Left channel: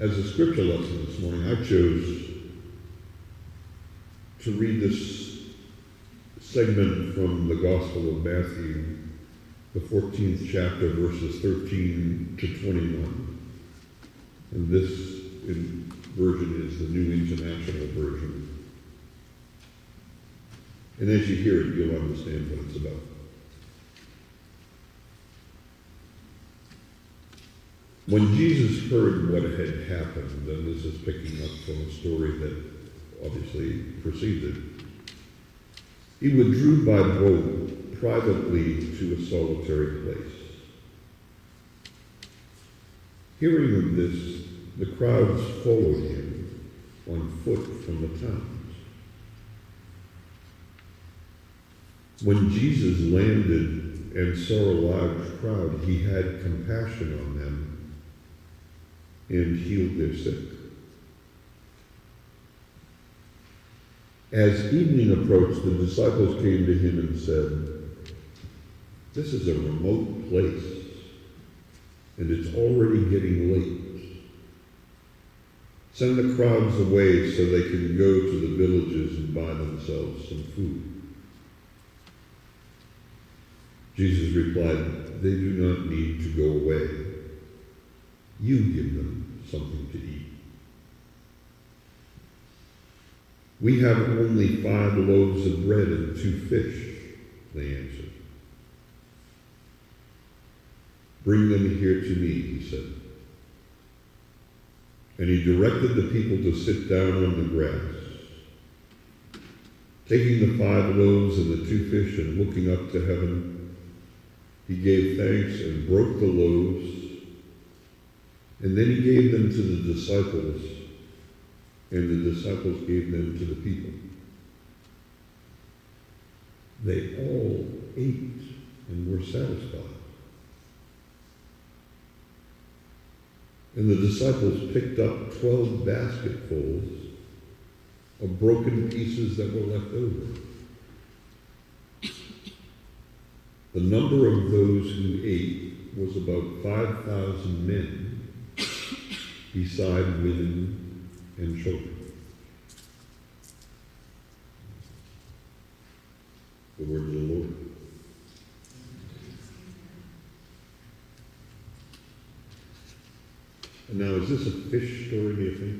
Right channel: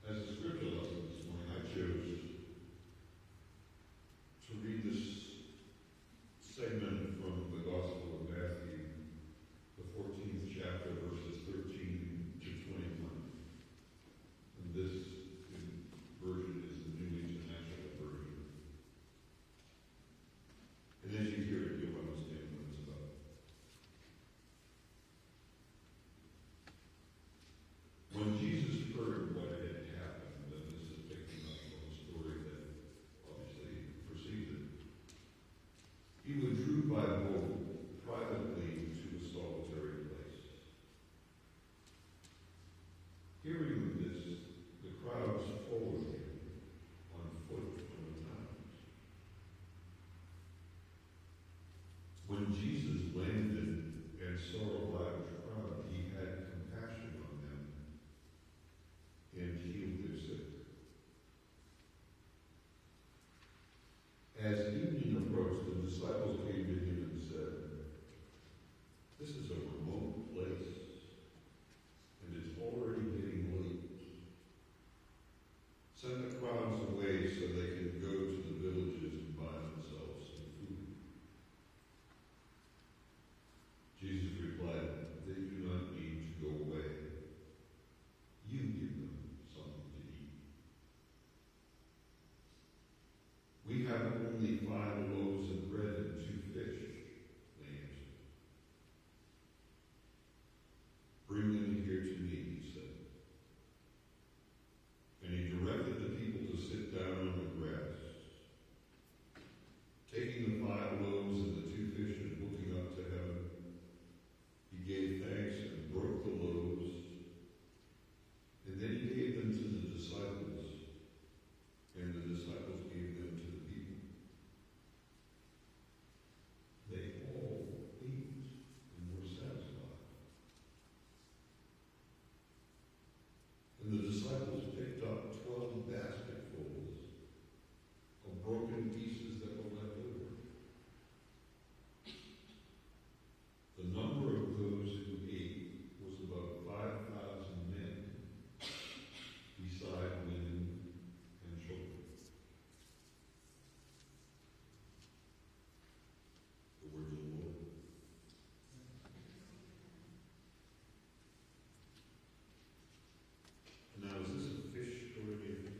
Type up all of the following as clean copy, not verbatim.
As a scripture lesson this morning, I chose to read this segment from the Gospel of Matthew, the 14th chapter, verses 13 to 21. And this version is the New International Version. And as you hear it, you'll understand what it's about. When Jesus heard what had happened, and this is picking up from a story that obviously preceded, he withdrew by boat privately to a solitary place. Hearing of this, the crowds followed him on foot from the towns. When Jesus landed and saw a large crowd, he had compassion on them and healed their sick. As evening approached, the disciples came to him and said, "This is a remote place, and it's already getting late. Send the crowds away so they can go to the villages and buy themselves some food." Jesus replied, "They do not need to go away. You give them something to eat." "We have only 5 loaves of bread and 2 fish," they answered. "Bring them here to me," he said. And he directed the people to sit down on the grass. Taking the 5 loaves and the 2 fish and looking up to heaven, he gave thanks and broke the loaves, and then he gave them to the disciples, and the disciples gave them to the people. They all ate and were satisfied. And the disciples picked up 12 basketfuls of broken pieces that were left over. The number of those who ate was about 5,000 men, beside women and children. The word of the Lord. And now, is this a fish story, do you think?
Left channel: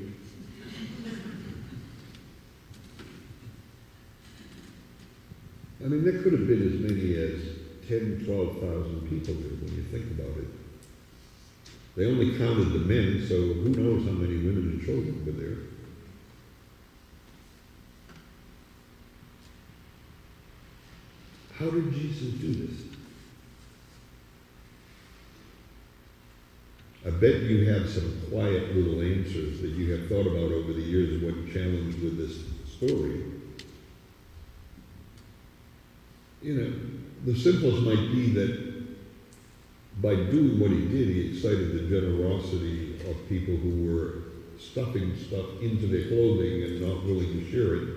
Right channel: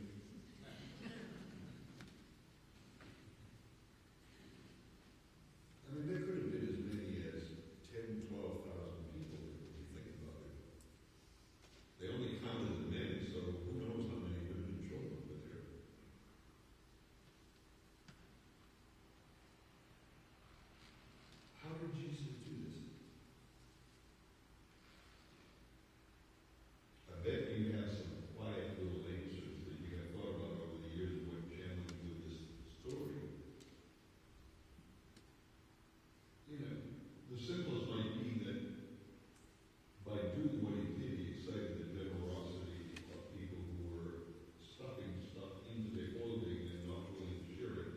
I mean, there could have been as many as 10,000, 12,000 people there when you think about it. They only counted the men, so who knows how many women and children were there. How did Jesus do this? I bet you have some quiet little answers that you have thought about over the years when challenged with this story. You know, the simplest might be that by doing what he did, he excited the generosity of people who were stuffing stuff into their clothing and not willing to share it,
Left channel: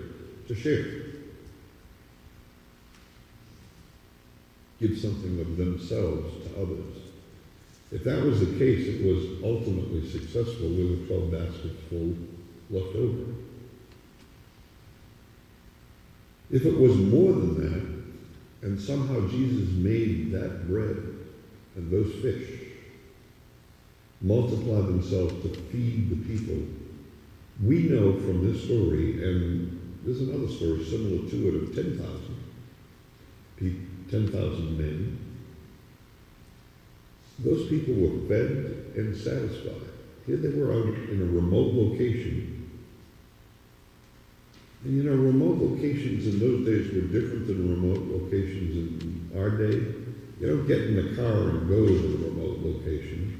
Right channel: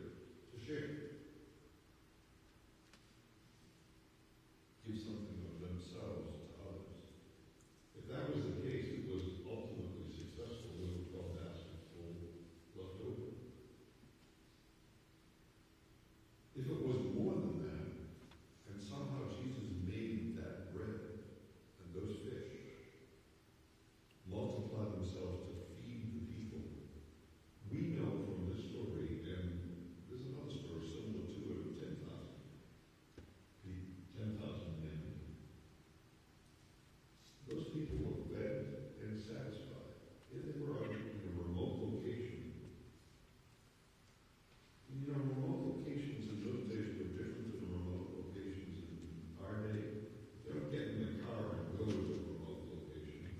to share it. Give something of themselves to others. If that was the case, it was ultimately successful. There were 12 baskets full left over. If it was more than that, and somehow Jesus made that bread and those fish multiply themselves to feed the people, we know from this story, and there's another story similar to it of 10,000 men. Those people were fed and satisfied. Here they were out in a remote location. And you know, remote locations in those days were different than remote locations in our day. You don't get in the car and go to the remote location.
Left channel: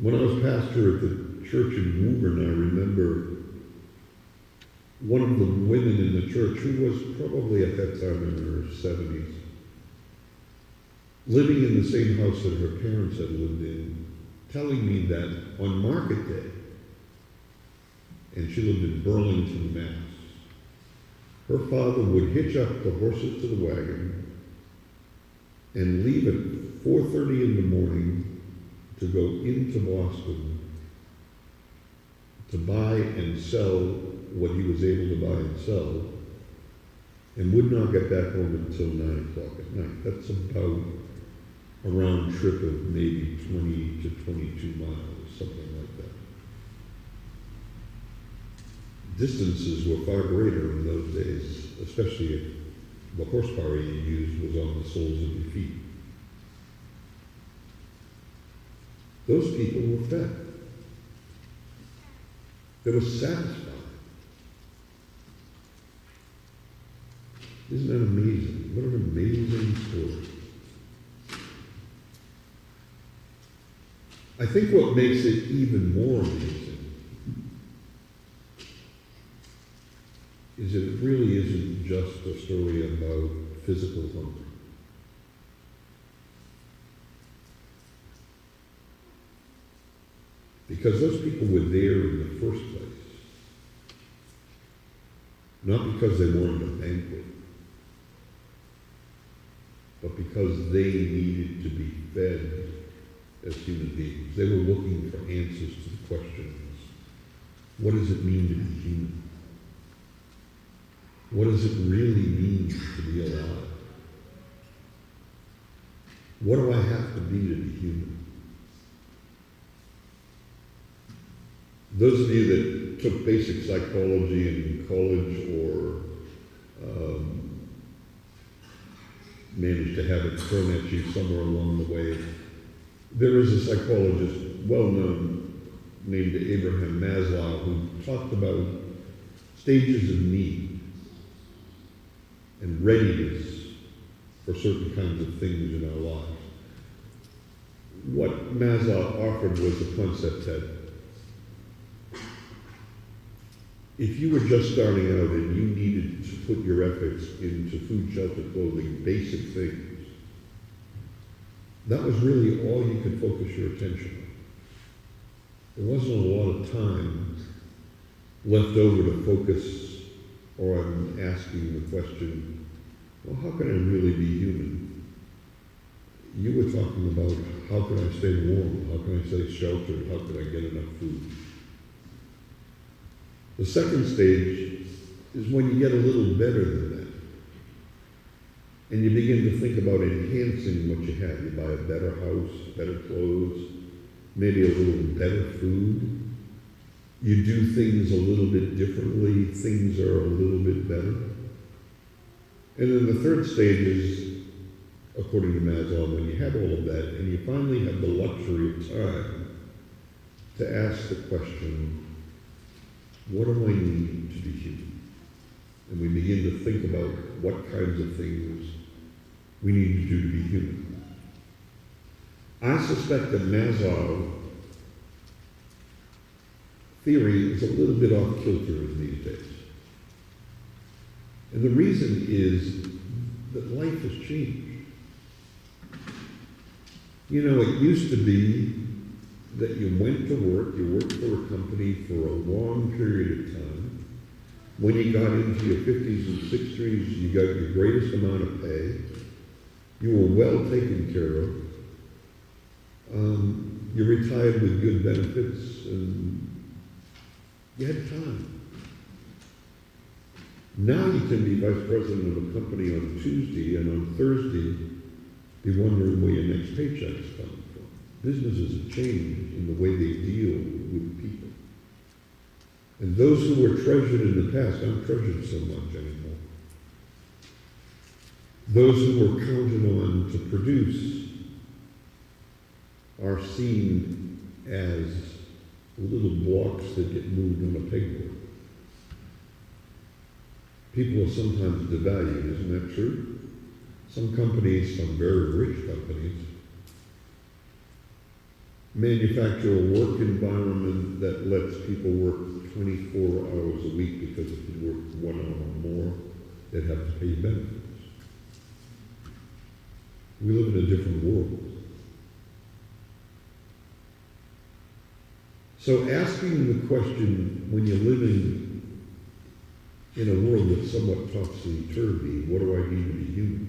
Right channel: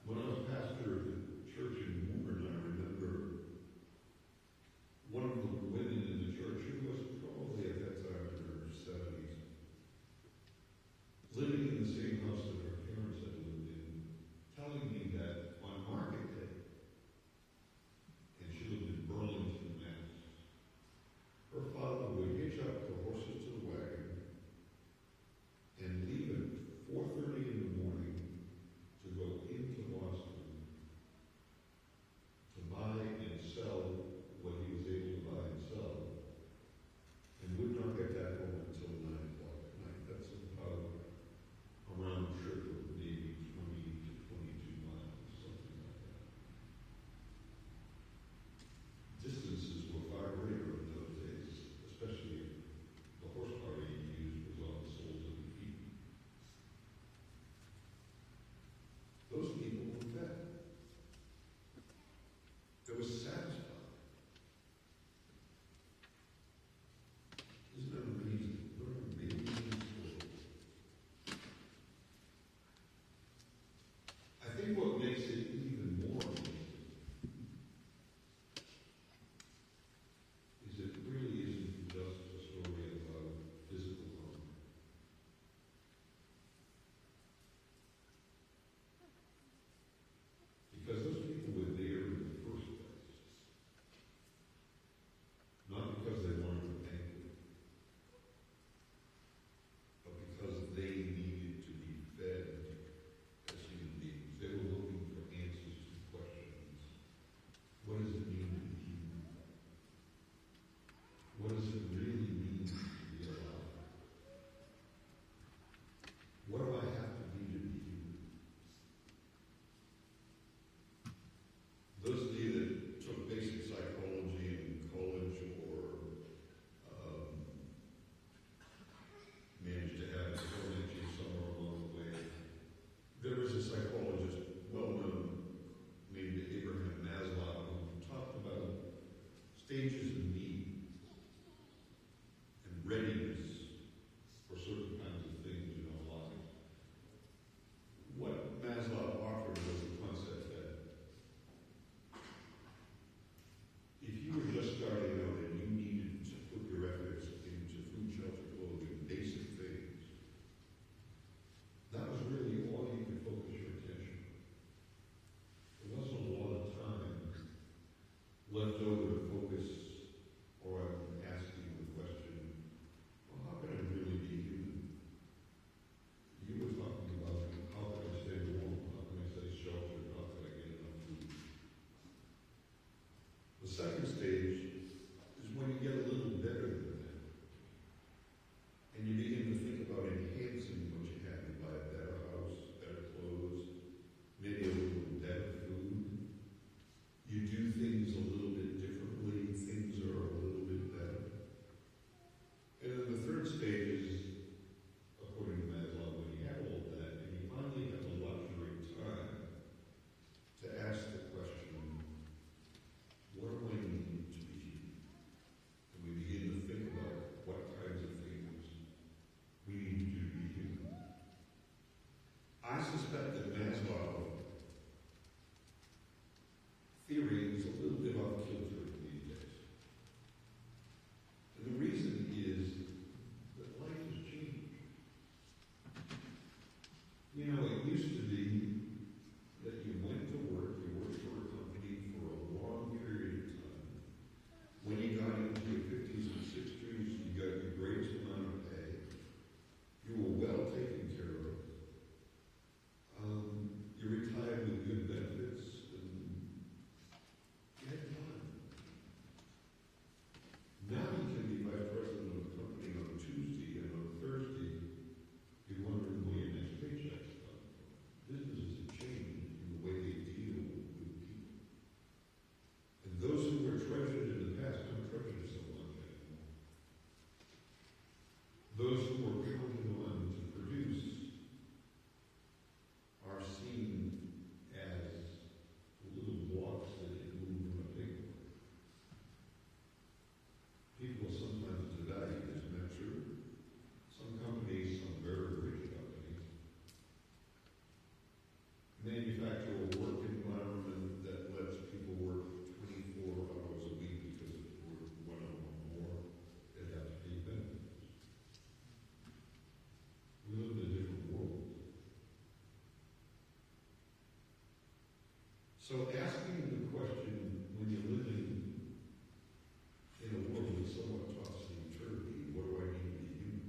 When I was pastor at the church in Woburn, I remember one of the women in the church, who was probably at that time in her 70s, living in the same house that her parents had lived in, telling me that on market day, and she lived in Burlington, Mass, her father would hitch up the horses to the wagon and leave at 4:30 in the morning to go into Boston to buy and sell what he was able to buy and sell, and would not get back home until 9 o'clock at night. That's about a round trip of maybe 20 to 22 miles, something like that. Distances were far greater in those days, especially if the horsepower you used was on the soles of your feet. Those people were fed. They were satisfied. Isn't that amazing? What an amazing story. I think what makes it even more amazing is that it really isn't just a story about physical hunger. Because those people were there in the first place, not because they wanted a banquet, but because they needed to be fed as human beings. They were looking for answers to the questions. What does it mean to be human? What does it really mean to be alive? What do I have to be human? Those of you that took basic psychology in college or managed to have it thrown at you somewhere along the way, there is a psychologist, well-known, named Abraham Maslow, who talked about stages of need and readiness for certain kinds of things in our lives. What Maslow offered was the concept that if you were just starting out and you needed to put your efforts into food, shelter, clothing, basic things, that was really all you could focus your attention on. There wasn't a lot of time left over to focus on asking the question, well, how can I really be human? You were talking about how can I stay warm, how can I stay sheltered, how can I get enough food? The second stage is when you get a little better than that. And you begin to think about enhancing what you have. You buy a better house, better clothes, maybe a little better food. You do things a little bit differently. Things are a little bit better. And then the third stage is, according to Maslow, when you have all of that and you finally have the luxury of time to ask the question, what do I need to be human? And we begin to think about what kinds of things we need to do to be human. I suspect that Maslow's theory is a little bit off kilter in these days. And the reason is that life has changed. You know, it used to be that you went to work, you worked for a company for a long period of time. When you got into your 50s and 60s, you got your greatest amount of pay. You were well taken care of. You retired with good benefits, and you had time. Now you can be vice president of a company on Tuesday, and on Thursday, be wondering where your next paycheck is coming from. Businesses have changed in the way they deal with people. And those who were treasured in the past aren't treasured so much anymore. Those who were counted on to produce are seen as little blocks that get moved on a pegboard. People are sometimes devalued, isn't that true? Some companies, some very rich companies, manufacture a work environment that lets people work 24 hours a week, because if you work 1 hour more, they'd have to pay you benefits. We live in a different world. So asking the question, when you're living in a world that's somewhat topsy-turvy, what do I need to be human,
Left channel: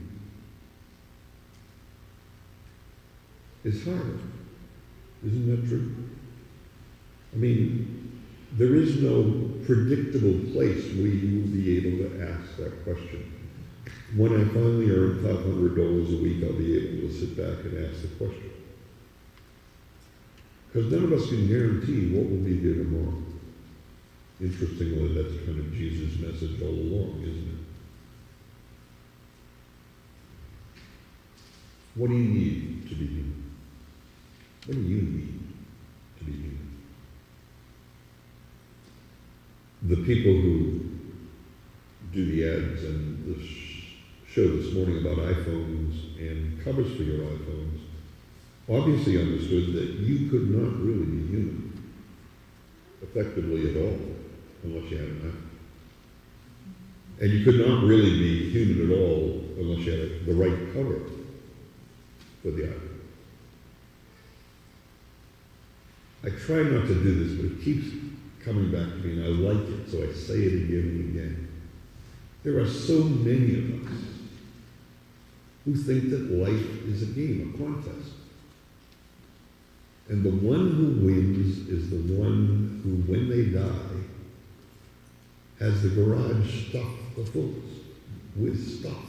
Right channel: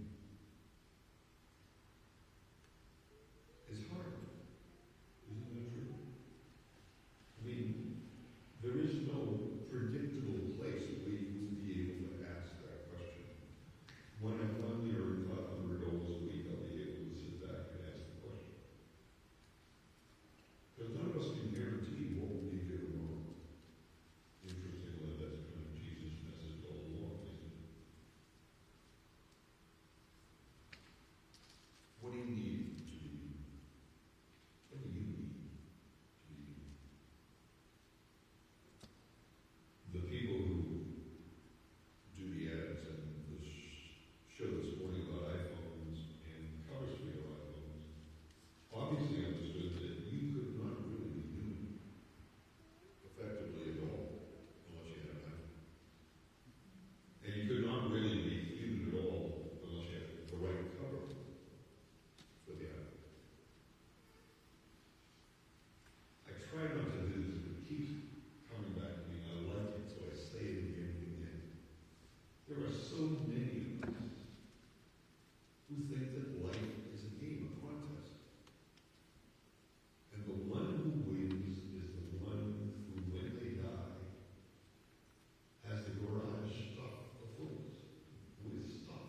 is hard. Isn't that true? I mean, there is no predictable place where you will be able to ask that question. When I finally earn $500 a week, I'll be able to sit back and ask the question. Because none of us can guarantee what will be there tomorrow. Interestingly, that's kind of Jesus' message all along, isn't it? What do you need to be human? What do you need to be human? The people who do the ads and the show this morning about iPhones and covers for your iPhones obviously understood that you could not really be human effectively at all unless you had an iPhone. And you could not really be human at all unless you had the right cover for the iPhone. I try not to do this, but it keeps coming back to me, and I like it, so I say it again and again. There are so many of us who think that life is a game, a contest. And the one who wins is the one who, when they die, has the garage stuffed full with stuff.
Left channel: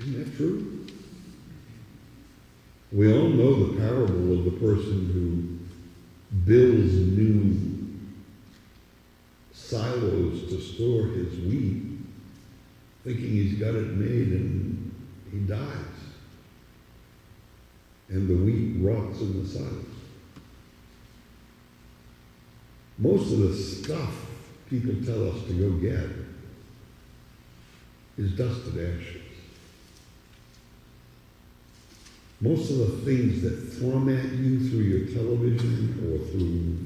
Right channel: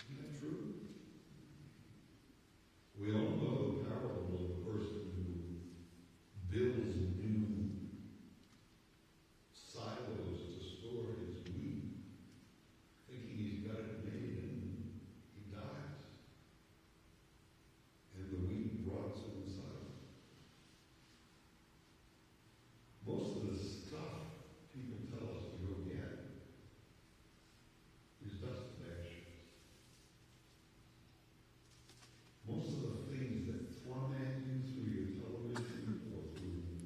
Isn't that true? We all know the parable of the person who builds new silos to store his wheat, thinking he's got it made, and he dies. And the wheat rots in the silos. Most of the stuff people tell us to go get is dust and ashes. Most of the things that thrum at you through your television or through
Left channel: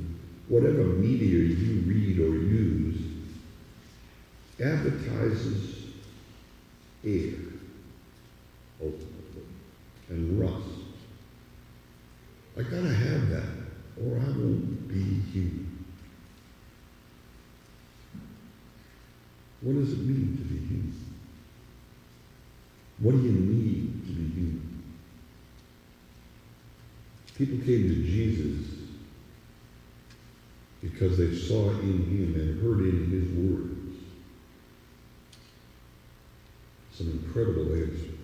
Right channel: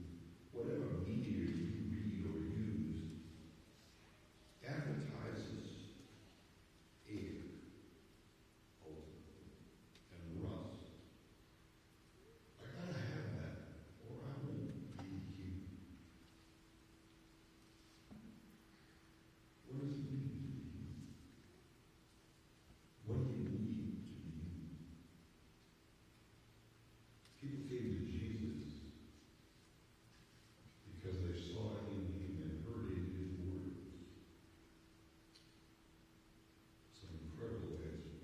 whatever media you read or use advertises air, ultimately, and rust. I gotta have that, or I won't be human. What does it mean to be human? What do you need to be human? People came to Jesus because they saw in him and heard in his words some incredible answers.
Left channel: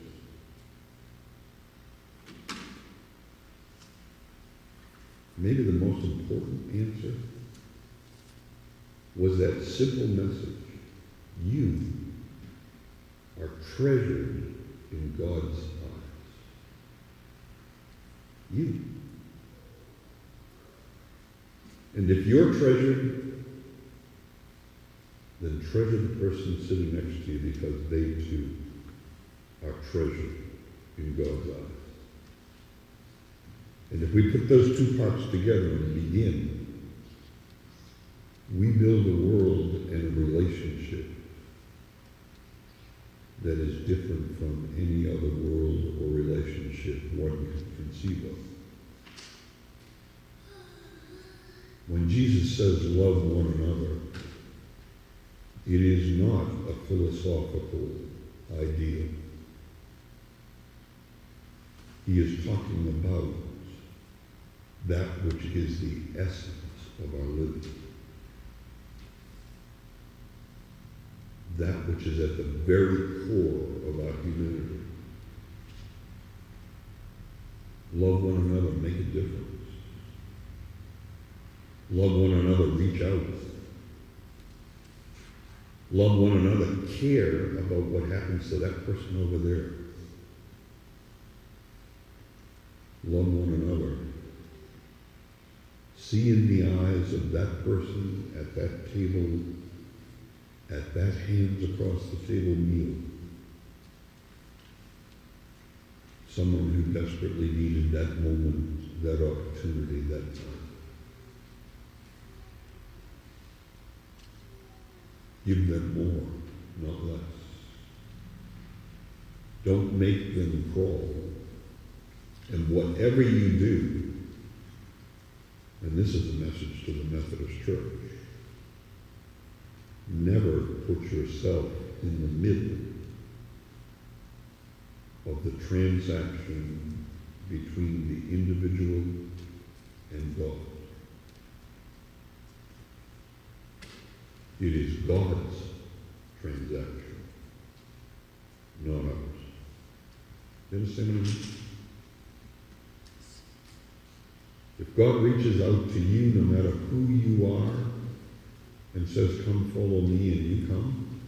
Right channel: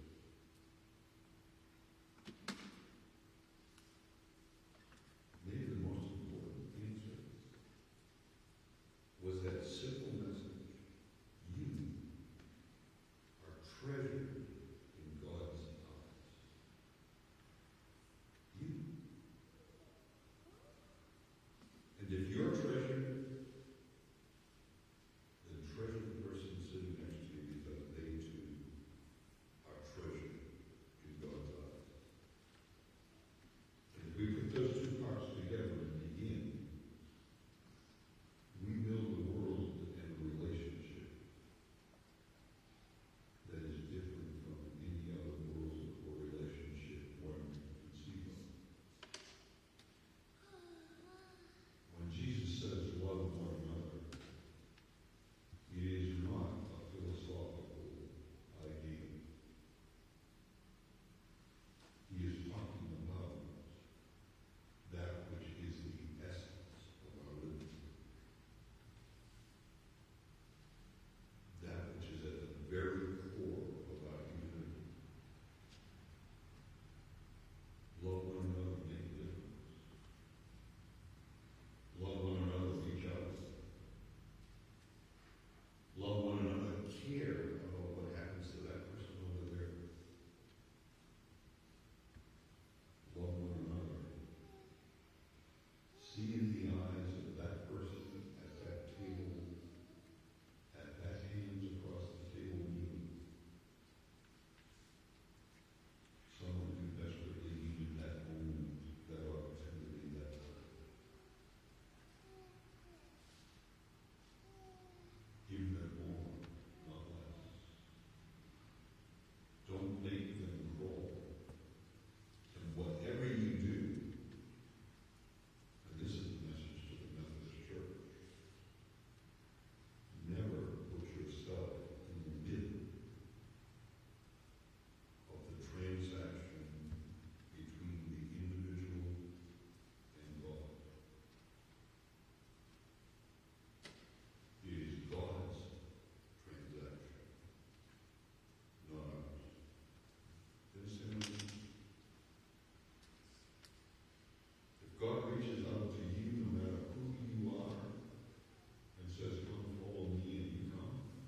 Maybe the most important answer was that simple message: you are treasured in God's eyes. You. And if you're treasured, then treasure the person sitting next to you, because they too are treasured in God's eyes. And if we put those two parts together and begin, we build a world and a relationship that is different from any other world or relationship one can conceive of. When Jesus says love one another, it is not a philosophical ideal. He is talking about that which is the essence of our living. That which is at the very core of our humanity. Love one another, make a difference. Love one another, reach out. Love one another, care about what happens to that person over there. Love one another. See in the eyes of that person at that table, at that hands across the table meal, someone who desperately needed that moment, that opportunity, that time. Give them more, not less. Don't make them crawl. And whatever you do, and this is a message to the Methodist Church, never put yourself in the middle of the transaction between the individual and God. It is God's transaction, not ours. You understand what I mean? If God reaches out to you, no matter who you are, and says, come follow me, and you come,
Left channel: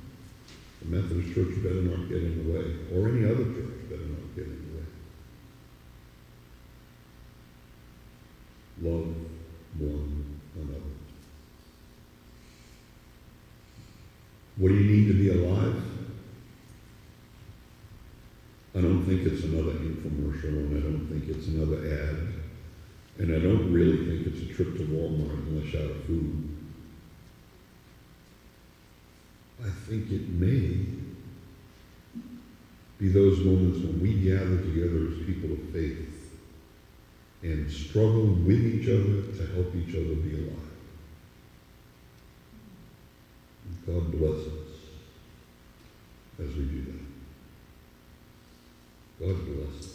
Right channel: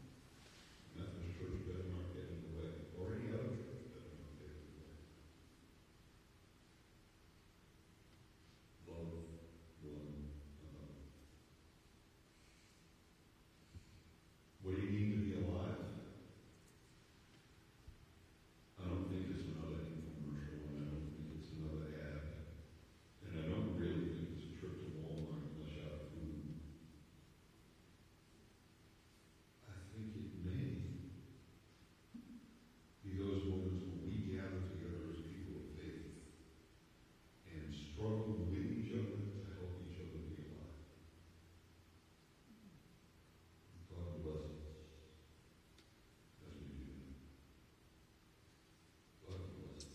the Methodist Church better not get in the way, or any other church better not get in the way. Love one another. What do you need to be alive? I don't think it's another infomercial, and I don't think it's another ad, and I don't really think it's a trip to Walmart unless you're out of food. I think it may be those moments when we gather together as people of faith and struggle with each other to help each other be alive. God bless us as we do that. God bless us.